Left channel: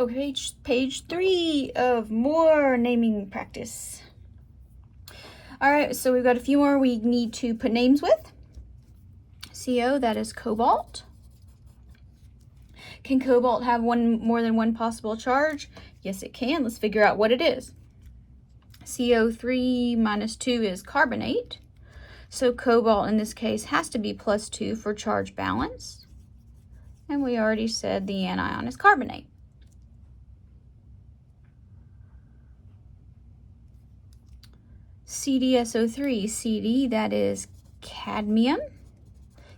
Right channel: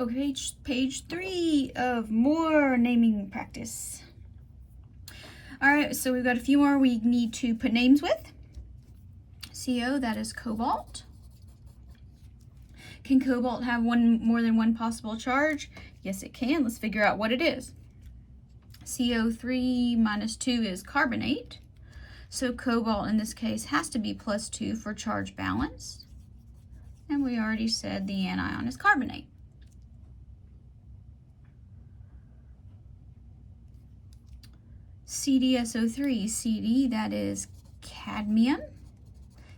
Okay, page 3 of more naming practice. All right, so we've got a few more we need to put names with. CO, that is cobalt. Can cobalt have more than one possible charge? Yes, it can. Let's figure out what it is. CO3 minus 2 is carbonate. So cobalt in this case has to be +2 for charge balance. And we already said the anion is carbonate. CdSO3, CD, that is cadmium.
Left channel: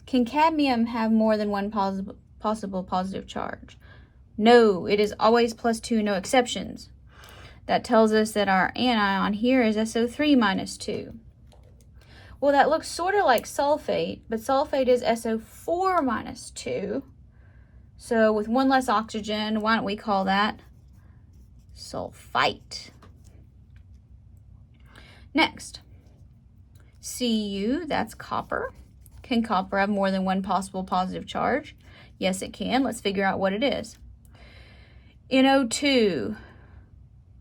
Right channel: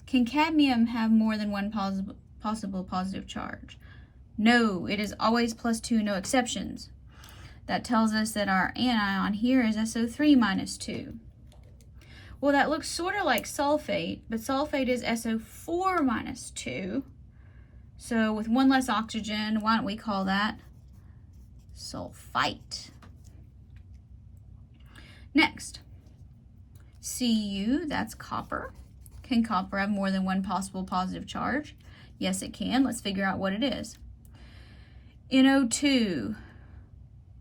Can cadmium have more than one possible positive charge? No, it is always +2, no exceptions. That tells us that our anion here is SO3 minus 2. Well, that looks sort of like sulfate, but sulfate is SO4 minus 2. So with one less oxygen, why don't we call that sulfite? Next, Cu, that's copper. Can copper have more than one possible positive charge? Yes, it can. Let's figure out what it is. NO2,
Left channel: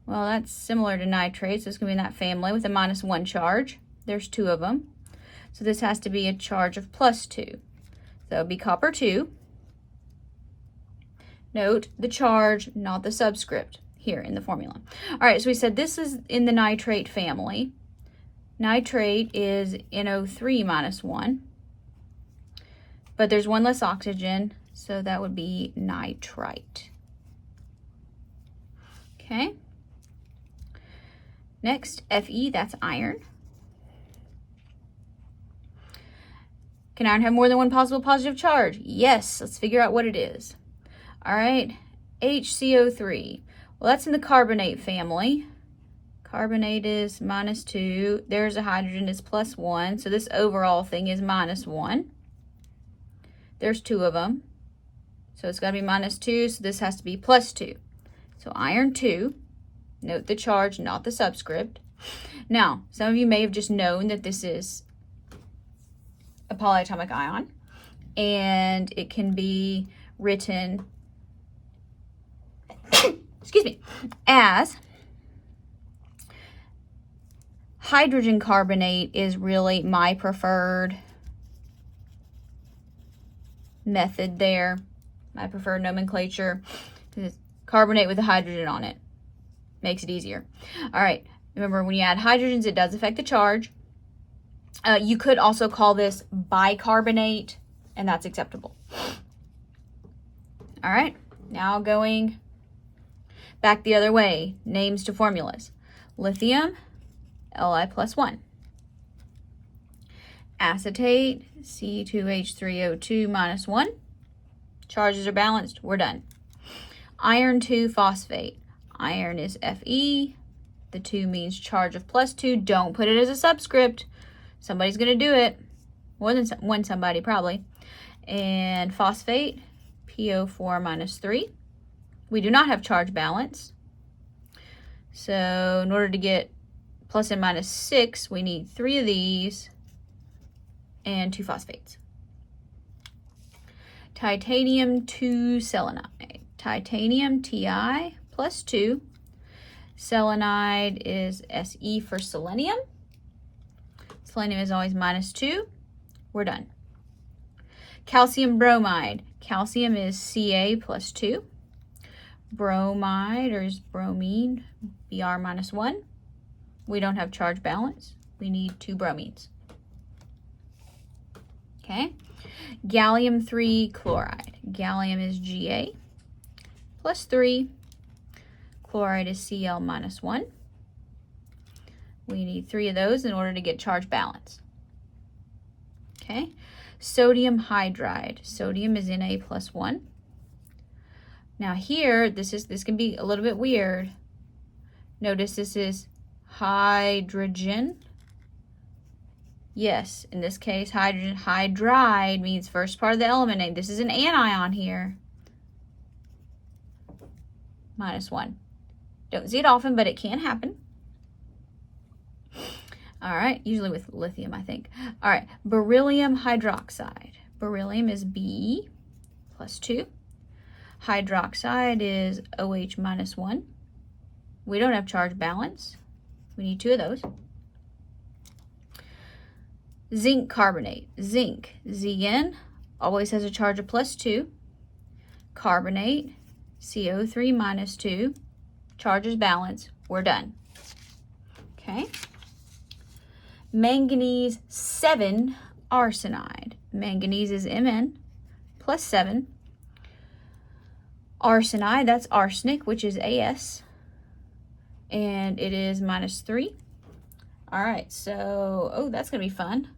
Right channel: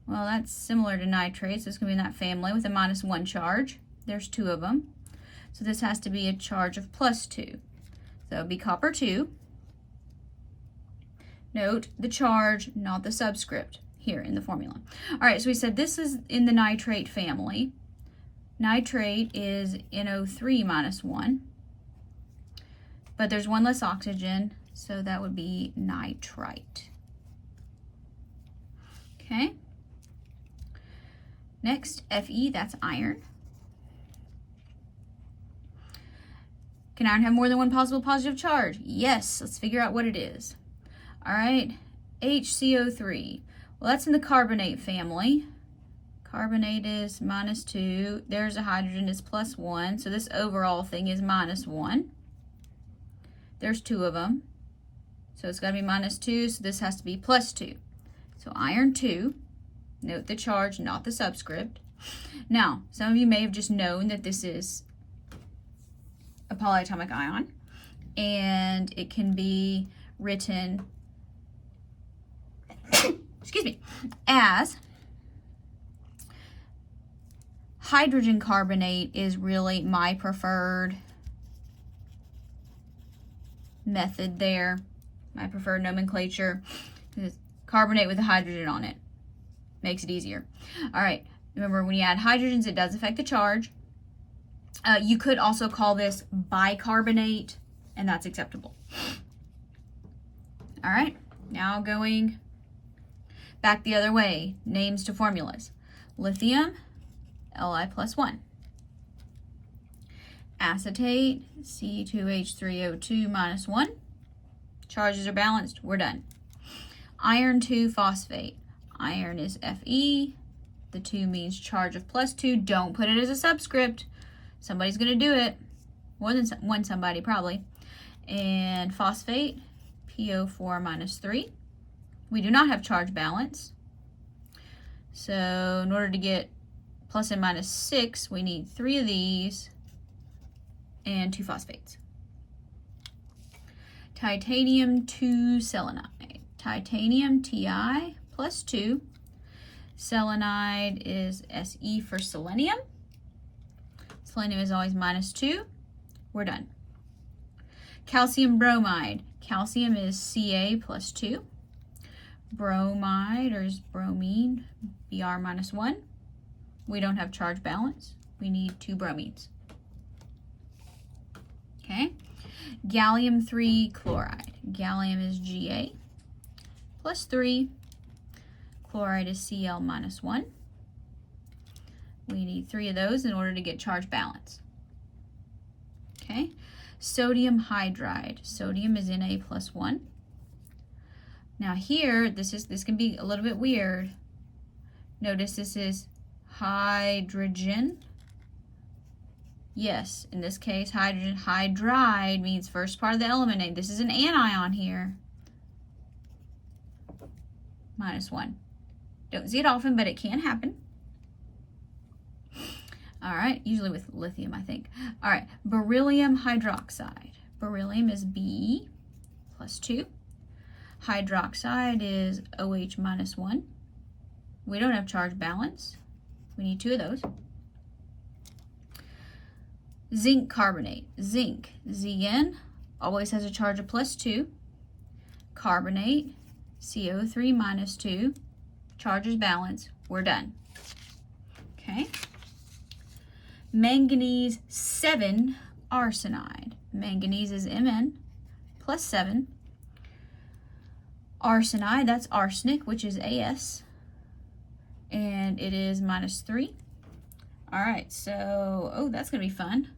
well, that's similar to nitrate, so it's going to be in that family with a -1 charge. There's 2 of them. So this has to be a charge of +2. So it would be copper 2. Note the charge, not the subscript, here in the formula. All right, so we said this is in the nitrate family. Nitrate is NO3 minus 1. But there's one less oxygen, so that would be nitrite. Okay. Next, Fe, that's iron. Can iron have more than one possible positive charge? Yes. Let's figure out what it is. All right, HCO3. Well, that's in the carbonate family. Carbonate is -2. There's a hydrogen is +1. So this overall thing is -1. There's 2 of them. So it's got to be -2. So this has to be +2. So iron 2. Note the charge, not the subscript. Now, some of you may have just known that this is a polyatomic ion. And it can be written, excuse me, as hydrogen carbonate is really my preferred method there, my preferred nomenclature. Carbonate with a hydrogen on it makes it easier. All right, remember when you add hydrogens, it does affect the charge. You could also call this bicarbonate, and that's acceptable. All right, now going back the other way, names to formulas. Lithium, Li+1. Acetate, C2H3O2 -1. Charges are balanced, we're done. Iron 2 phosphate. Iron is Fe. The 2 means charge of +2. Don't put it as a subscript. Somebody's going to do it. More than one somebody, probably. And phosphate, PO4 -3. We do not have charge balance. So in order to get plus and -6, we need 3 of these and 2 phosphates. Titanium 2 selenide. Titanium, Ti +2. Selenide is Se for selenium. Selenium is always -2. We're done. Calcium bromide. Calcium is Ca +2. Bromide, or is bromine, Br -1. We don't have charge balance. We need 2 bromines. Okay. Gallium 3 chloride. Gallium is Ga +3. Chloride is Cl -1. We need 3 of those in order to get charge balance. Okay. Sodium hydride. Sodium is Na+1. Now here, this can be a little bit weird. Notice this is hydrogen. Yes, in this case, hydrogen. Hydride means first part of the element name. This is an anion here. -1. Don't see it often, but it can happen. All right, usually with lithium, I think. All right, beryllium hydroxide. Beryllium is B +2. Hydroxide is OH minus 1. We don't have charge balance. We need 2 of those. Zinc carbonate. Zinc, Zn, always has a charge of +2. Carbonate, CO3 minus 2. Charge is balanced. We're done. Okay. Manganese 7 arsenide. Manganese is Mn plus 7. Arsenide, that's arsenic, which is As. And it is -3. All right, so, oh, that's going to be fun.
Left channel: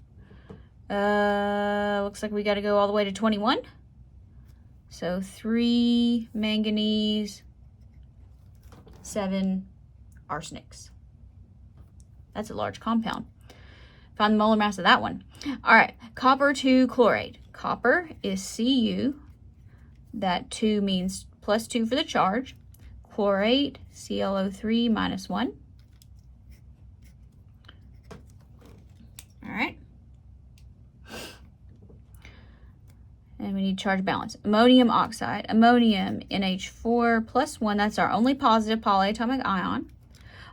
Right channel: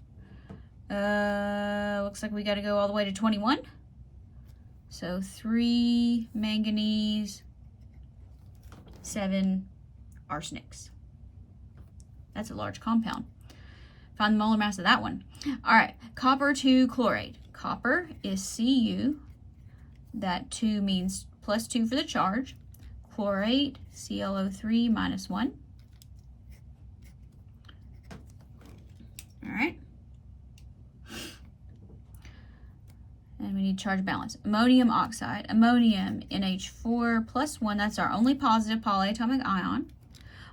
Looks like we got to go all the way to 21. So 3 manganese, 7 arsenics. That's a large compound. Find the molar mass of that one. All right, copper 2 chlorate. Copper is Cu. That 2 means +2 for the charge. Chlorate, ClO3 minus 1. All right. And we need charge balance. Ammonium oxide. Ammonium, NH4 plus 1. That's our only positive polyatomic ion.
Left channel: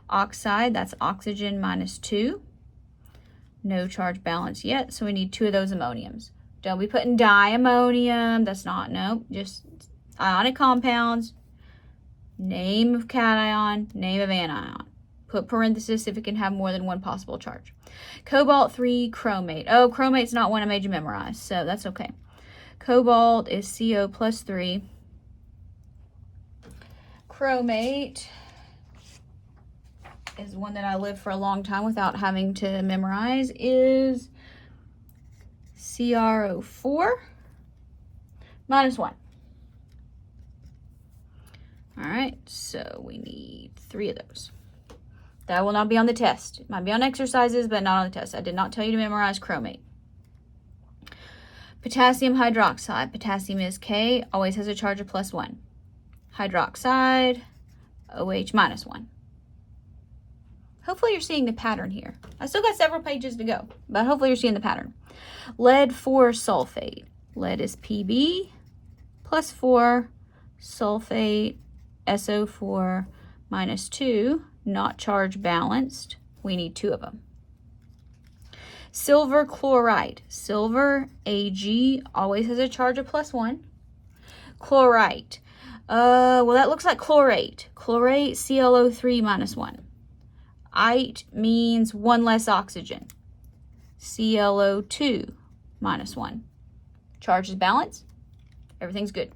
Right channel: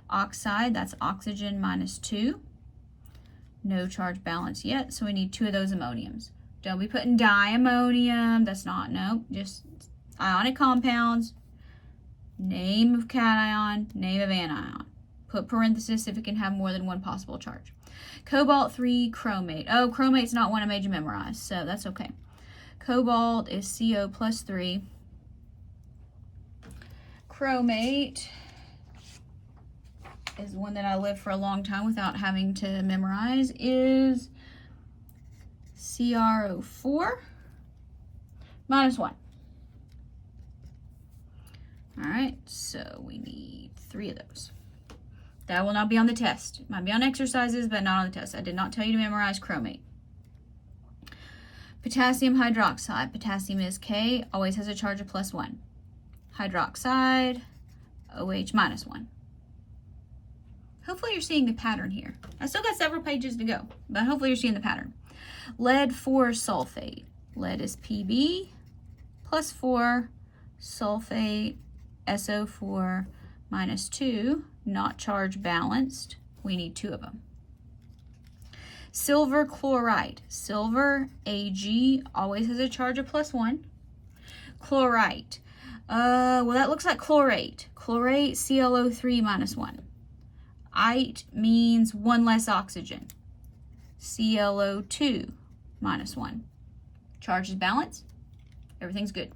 Oxide, that's oxygen minus 2. No charge balance yet, so we need 2 of those ammoniums. Don't be putting diammonium. That's not, no, just ionic compounds. Name of cation, name of anion. Put parenthesis if it can have more than one possible charge. Cobalt 3 chromate. Oh, chromate's not one I made you memorize, so that's okay. Cobalt is CO plus 3. Chromate is one that I lived for a long time without having to memorize, is CrO4 minus 1. All right, so we need 3 of those. That will not be on the test. It might be on exercises, but not on the test. I did not tell you to memorize chromate. Potassium hydroxide. Potassium is K, always has a charge of +1. Hydroxide, OH minus 1. Hopefully you're seeing the pattern here. I still got several pages to go, but hopefully you're seeing the pattern. Lead 4 sulfate. Lead is Pb plus 4 sulfate, SO4 minus 2, not charge balanced. We need 2 of them. Silver chloride. Silver, Ag, always has a charge of +1. Chlorite. Well, that looks like chlorate. Chlorate, ClO3 minus 1. Ite means 1 less oxygen. ClO2 minus 1. Charge is balanced. Everything's good.